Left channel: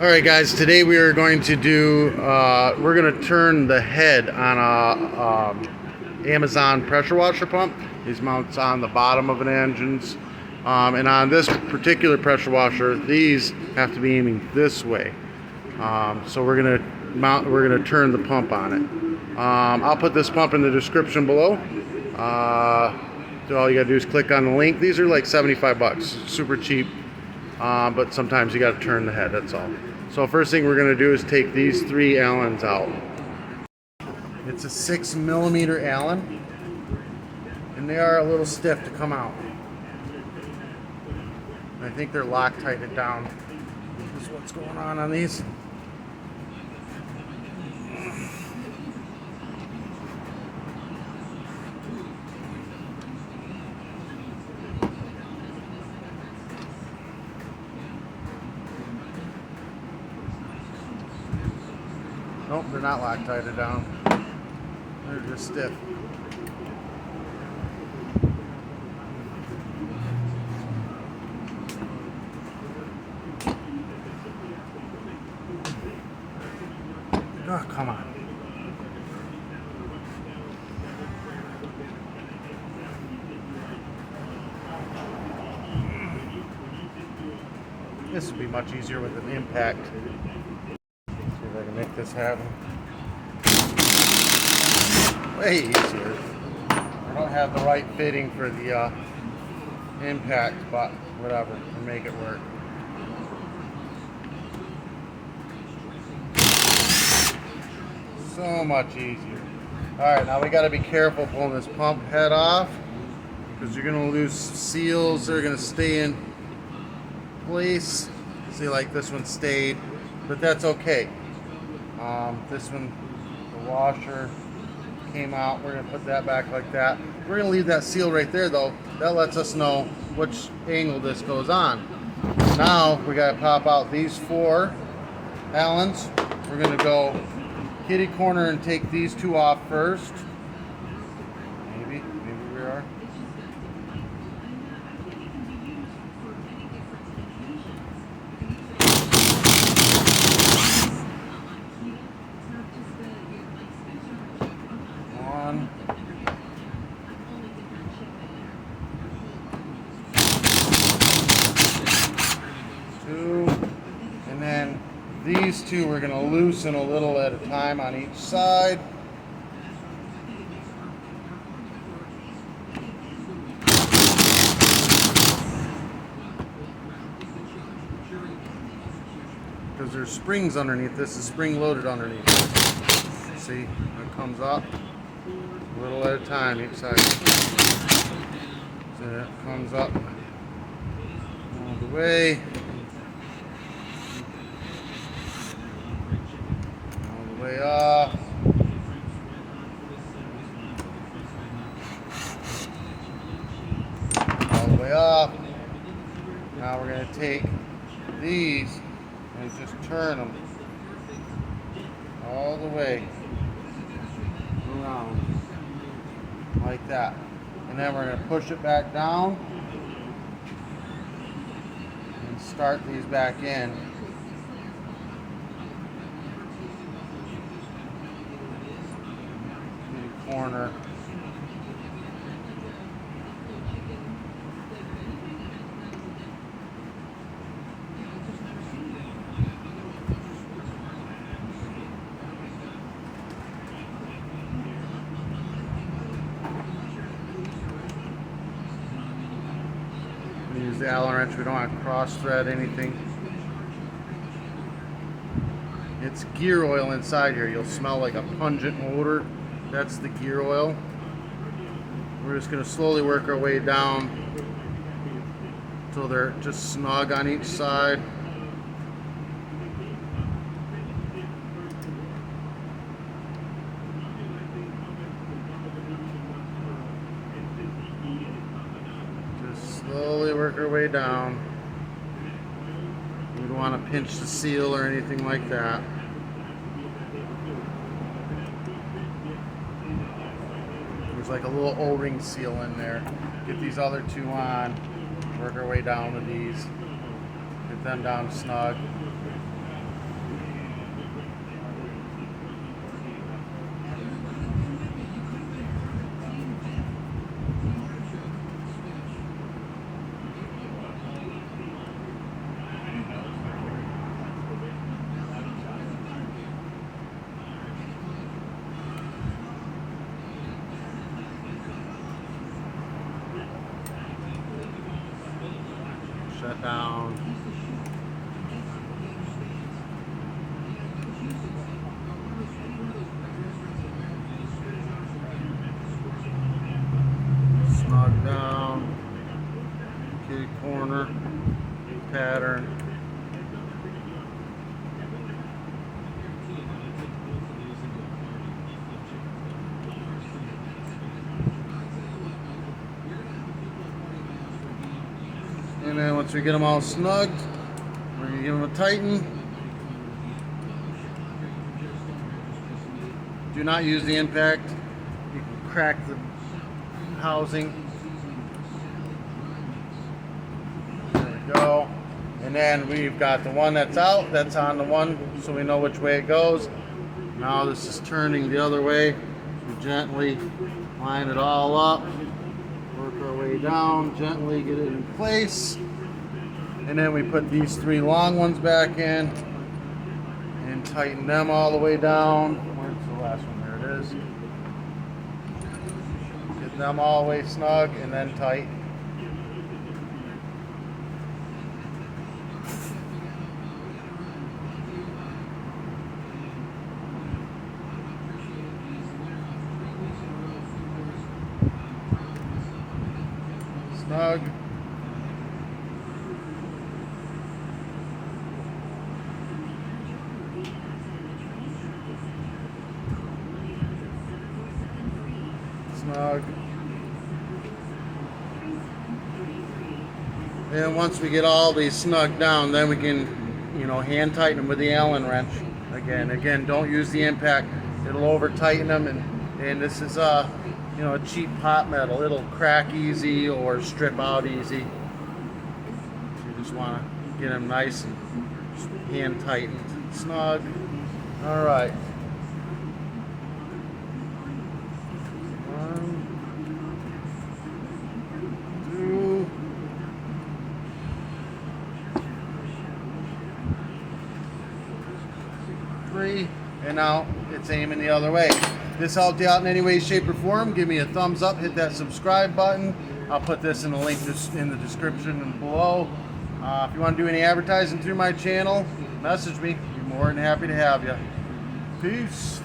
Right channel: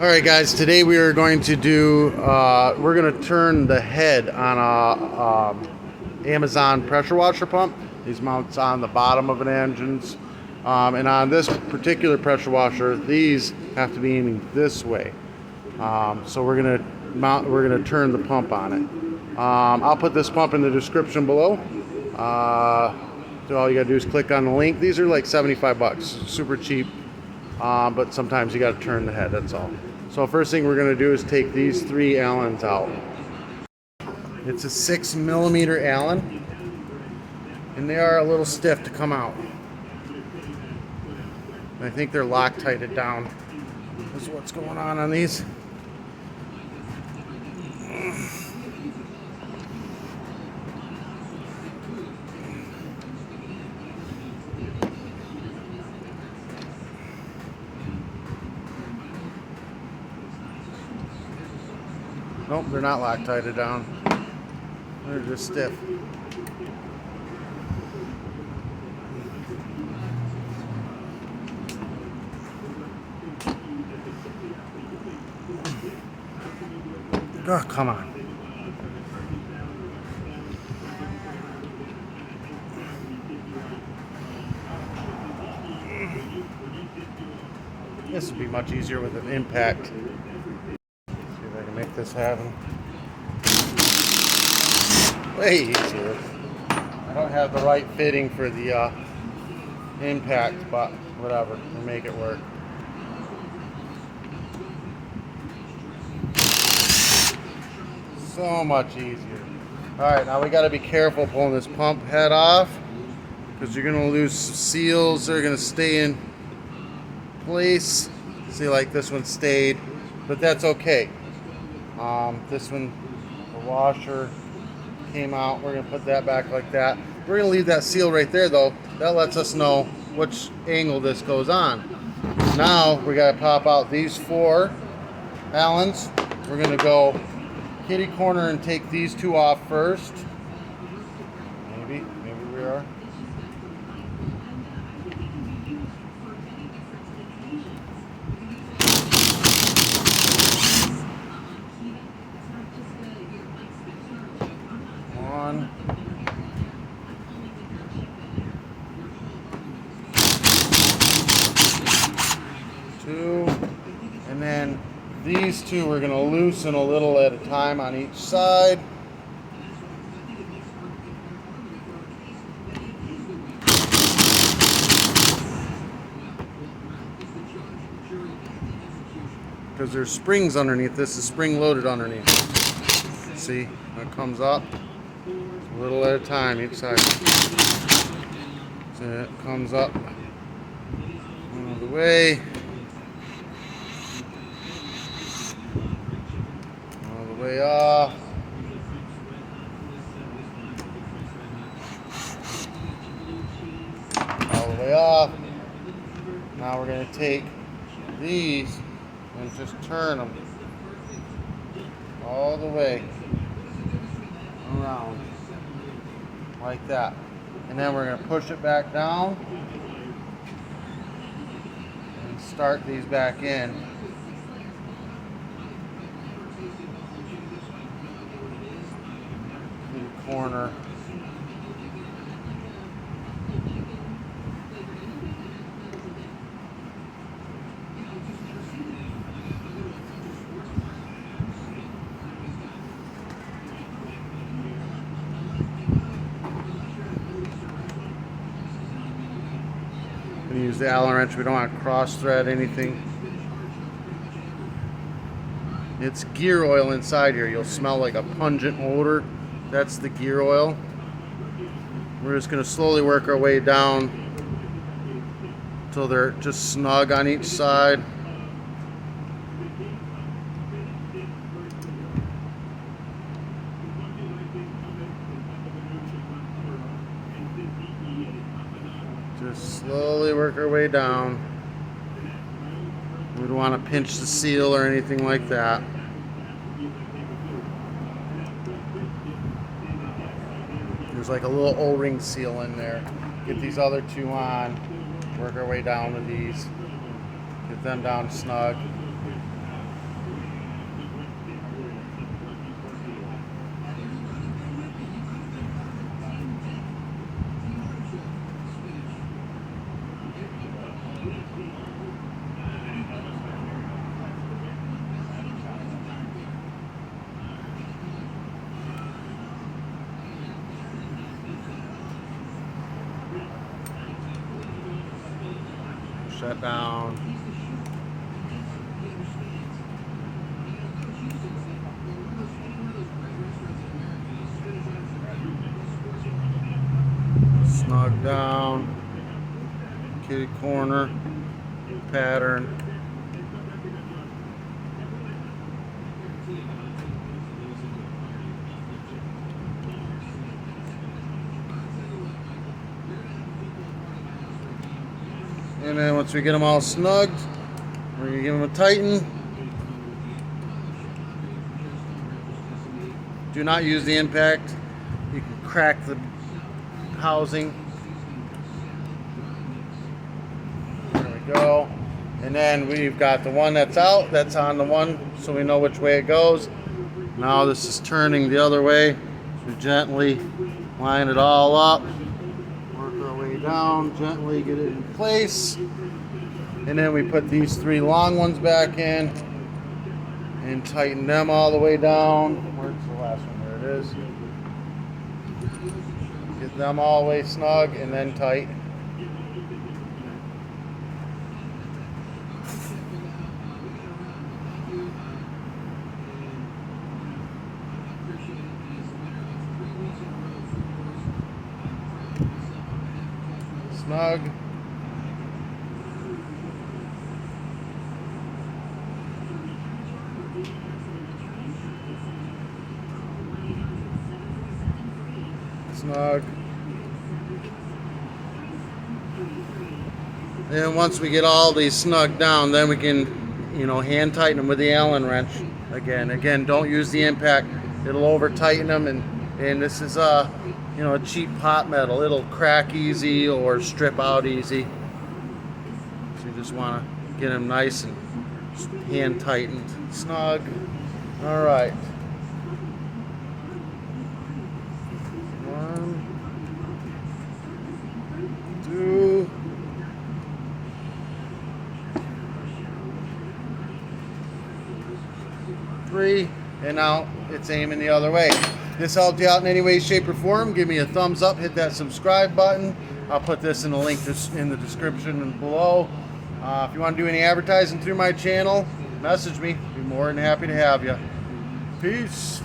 Alright guys, today we are going to do, we're going to turn the head on a Amazon pressure washer pump. These mounts on the bottom of an engine's. And on this particular pressure washer, these have to be aiming this way. So we're going to turn the pump on it. I'll put this pump in the description below. So all you got to do is click on the link. These are like 75 bucks, super cheap. But sometimes you got to turn the head, that's all. So first thing we're going to do is take these three Allens out. It's a 6mm Allen, and they are a little stiff to come out. I think they're Loctited down. This is what's going on these. Nope, they're not Loctited down. They're just stiff. Oh, come on. This would be much easier with an impact. See if I can make this happen. Way easier. I don't have the right fitting for the impact, but whatever, we'll make it work. So much easier. Alright, now we got to be careful pulling this pump head off, because you're going to lose seals. They're going to stay in place. See, like this one stayed, but that's okay. This one, the washer came out. We're going to put that back like that. We're going to leave that seal right there though. That lets us know which angle this goes on. Now we got to pop out these four Allens. We're going to go kitty corner and take these two off first. Maybe we are. One. Two. And then these two we're going to loosen a little at a time on each side. Because there's springs underneath this, is spring loaded underneath. See, it comes up a little at a time each side. So it comes up all the way. Way off. All the way off. Now we're going to take these and just turn them all the way around like that. And then we're going to push it back down and start these back in. Corner. We use the Allen wrench. We don't want to cross thread anything. It's gear oil inside here. You'll smell like a pungent odor. That's the gear oil. We're just going to slowly work our way down until they're just snug on each side. Just slowly work our way down. We don't want to pinch the seal or anything like that. There's like a little O-ring seal in there. Get these other two on. Work our way down with these. Get them down snug. that down. Snug down. Kitty corner. New pattern. And then once we get them all snugged, we're going to give them a tighten. Do not use the impact. You can crack the housing. There you go. And then we've got the one that's out, that's on the one, so we know which way it goes. Now this is turning the other way. We gently line it all up. Work our way down, gently get it in place. And then we put these 3 long ones back in and tighten them all the way down. Where's the last one? There it is. Get them all the way snug and then tight. Snug. Snug. And once we get all these snug down, then we can, hand tighten them with the Allen wrench. Again, don't use the impact. It'll over tighten them, and this is a cheap hot metal. It'll crack easy or strip out easy. So you just want to get them nice and hand tightened, snug. All right. 1, 2. And now it's aiming the other way. This helped you out in any way, shape, or form, give me a thumbs up, hit that subscribe button. I'll put this in the link in the description below. If you want to do any advertising through my channel, message me. I'd be more than happy to have you. Peace.